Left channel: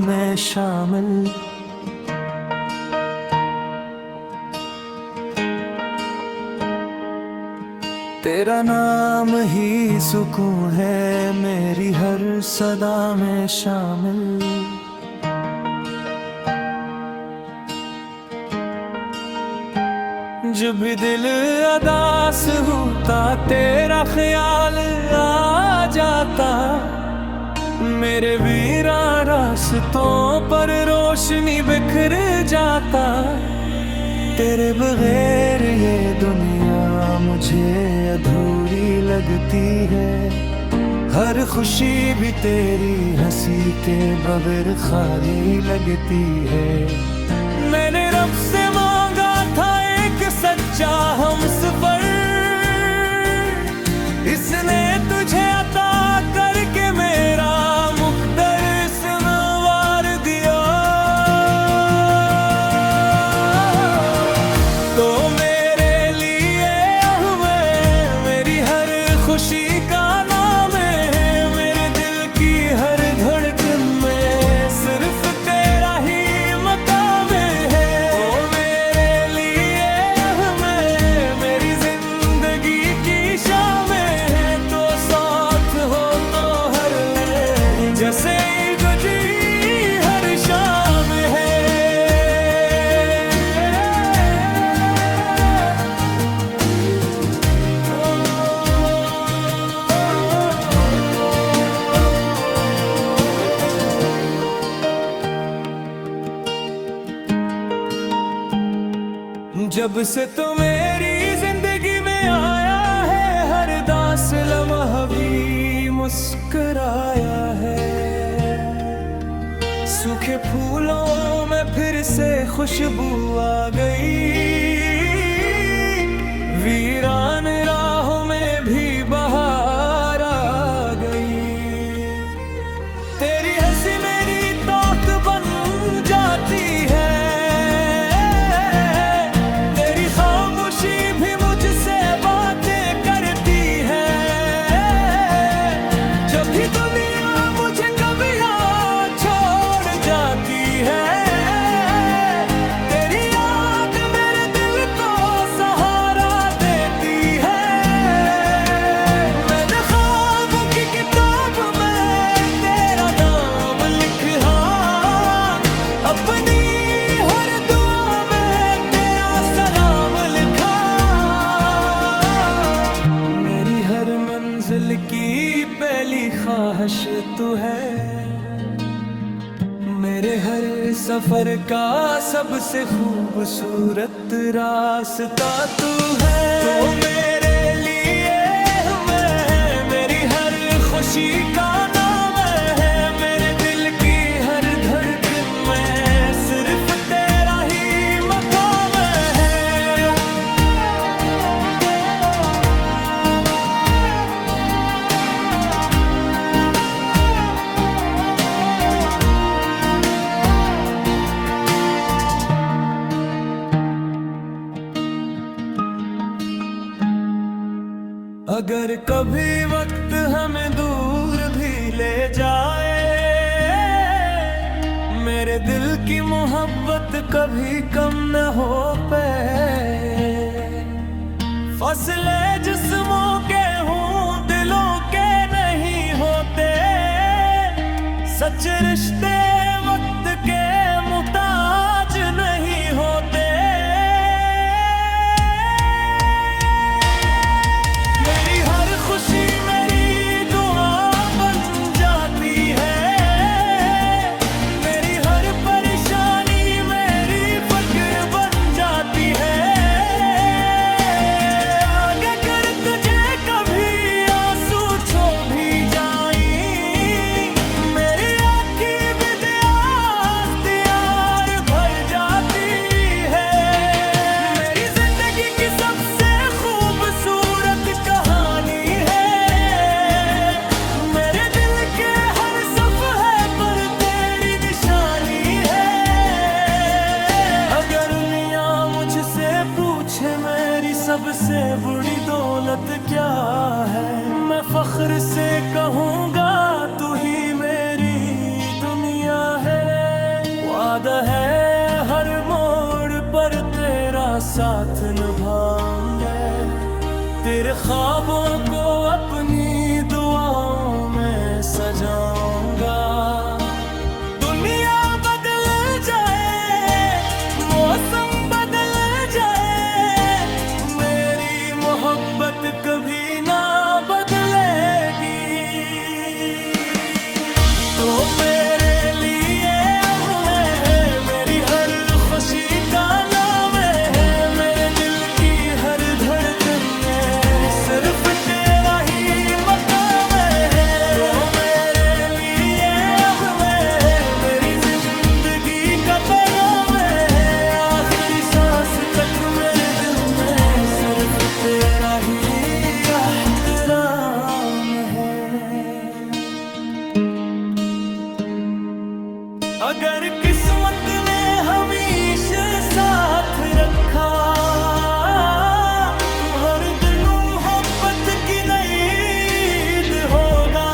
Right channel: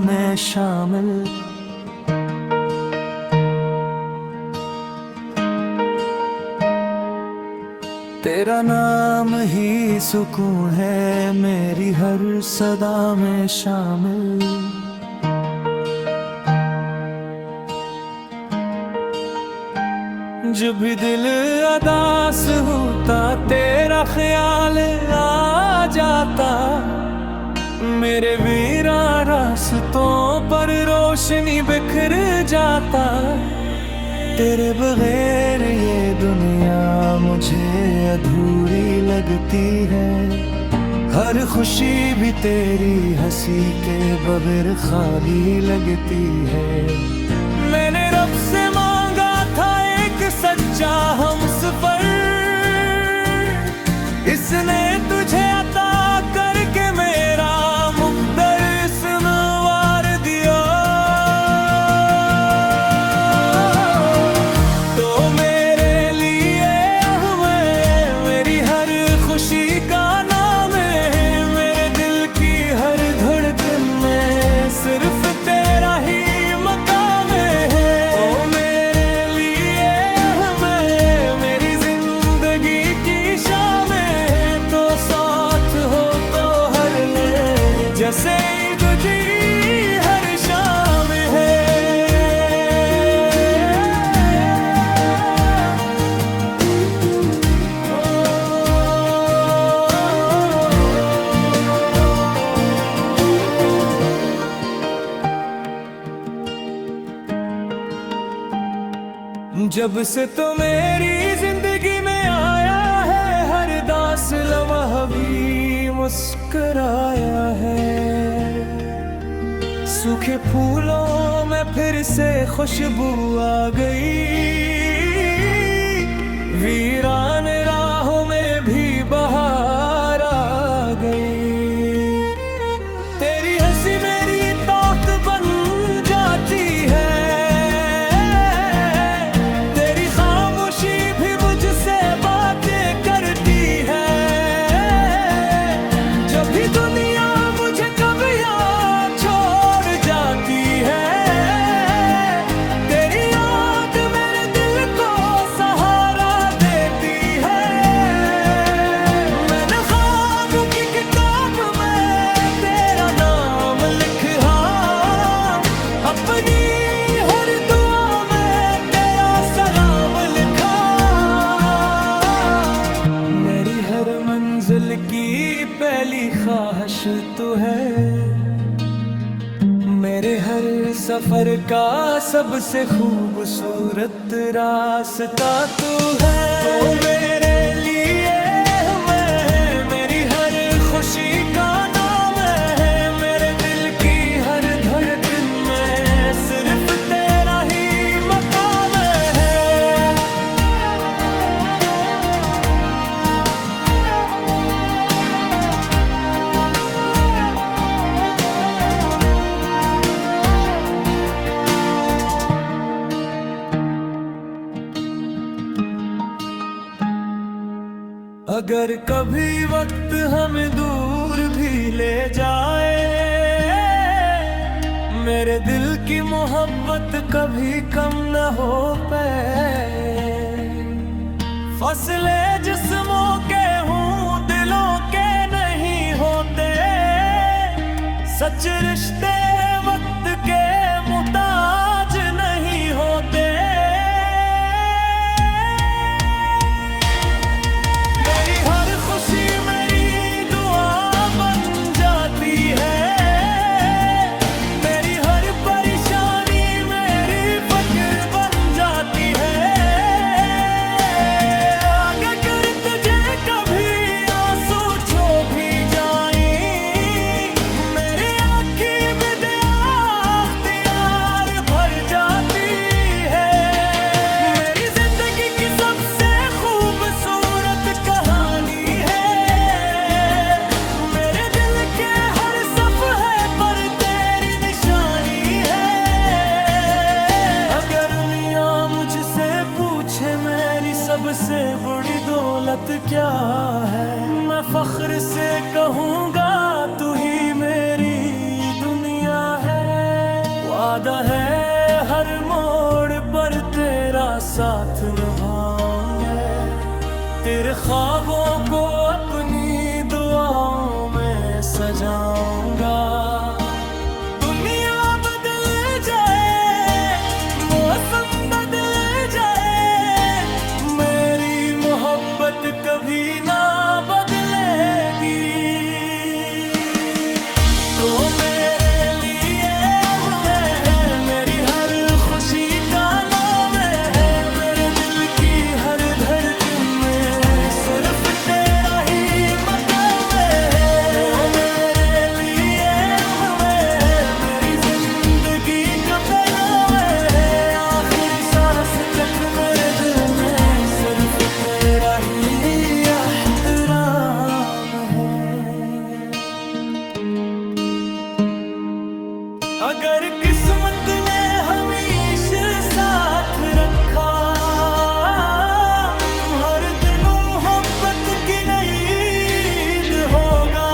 में शामिल। तेरा नाम ही सुकून है मेरी हर सदा में शामिल। जब भी दिल उदास होता तेरा ख्याल आ जाता। मेरे वीरान रास्तों पर रोशनी बिखर जाता। तेरे बगैर ये दुनिया मुझे अधूरी लगती है। हर खुशी भी तेरी हंसी के बगैर खाली लगती है। मैंने रब से मांगा था एक सच्चा हमसफर, इसने तुझे अता करके मेरा मुक़द्दर संवार दिया। तो मेरे लिए अहमद मेरी हर खुशी का नाम है। मेरे दिल की हर धड़कन में सिर्फ तेरा ही मकाम है। ओ मेरे लिए अहमद मेरी जिंदगी की शाम है। तो साथ हो तो हर लम्हे जैसे ईद जी हर शाम है। जब से तो मेरी जिंदगी में आया है, हर दास लम्हा भी मुस्कुराया है। सूखे फूलों में फिर से खुशबू आ गई। वीरान राहों में भी बहार आ गई। तेरी हंसी मेरी ताकत बन जाती है। भी मुझसे बातें करती है। जब भी दुनिया मुझे कभी याद छोड़ जाती है। तेरी याद मेरे दिल को सहारा देती है। मैंने ख्वाबों की किताब में तेरा नाम लिखा। अपनी हर दुआ में तेरा सलाम लिखा। मेरी हर मंजिल की पहली ख्वाहिश तू है। मेरे हर सफर का सबसे खूबसूरत रास्ता तू है। तो मेरे लिए मैं मेरी हर खुशी का नाम है। मेरे दिल की हर धड़कन में सिर्फ तेरा ही मकाम है। अगर कभी वक्त हमें दूर भी ले जाए, मेरे दिल की मोहब्बत कभी कम न हो पाए। फसले जिस्मों के हूँ दिलों के नहीं होते। सच रिश्ते वक्त के मुताज नहीं होते। मेरी हर खुशी मेरी दुआ बन जाती है। मेरी हर परेशानी मेरी फक्र बन जाती है। अगर तुझे कभी आंसू छो भी जाए, मेरी आँखें भी अख्तियार भर जाती है। मेरी जिंदगी की सबसे खूबसूरत कहानी है। मेरे दिल के हर सफ़हे पर तेरी निशानी है। अगर दुनिया मुझसे पूछे मेरी सबसे बड़ी दौलत क्या है, मैं फख्र से कहूँगा तू ही मेरी दुनिया है। वादा है हर मोड़ पर तेरा साथ निभाऊंगे, तेरे ख्वाबों को अपनी दुआओं में सजाऊंगा। दुनिया बदल जाए, मौसम बदल जाए, मेरी मोहब्बत कभी ना बदलेगी। तो मेरे लिए अब है मेरी हर खुशी का नाम है, मेरे दिल की हर धड़कन में सिर्फ तेरा ही मकाम है। तो मेरे लिए अब मेरी जिंदगी का पैगाम है, आखिरी सांस तक मेरे दिल में सिर्फ तेरा ही एहतराम है। अगर किस्मत ने हमेशा साथ रखा, तुम हर दिन मोहब्बत की नई ईद होगा।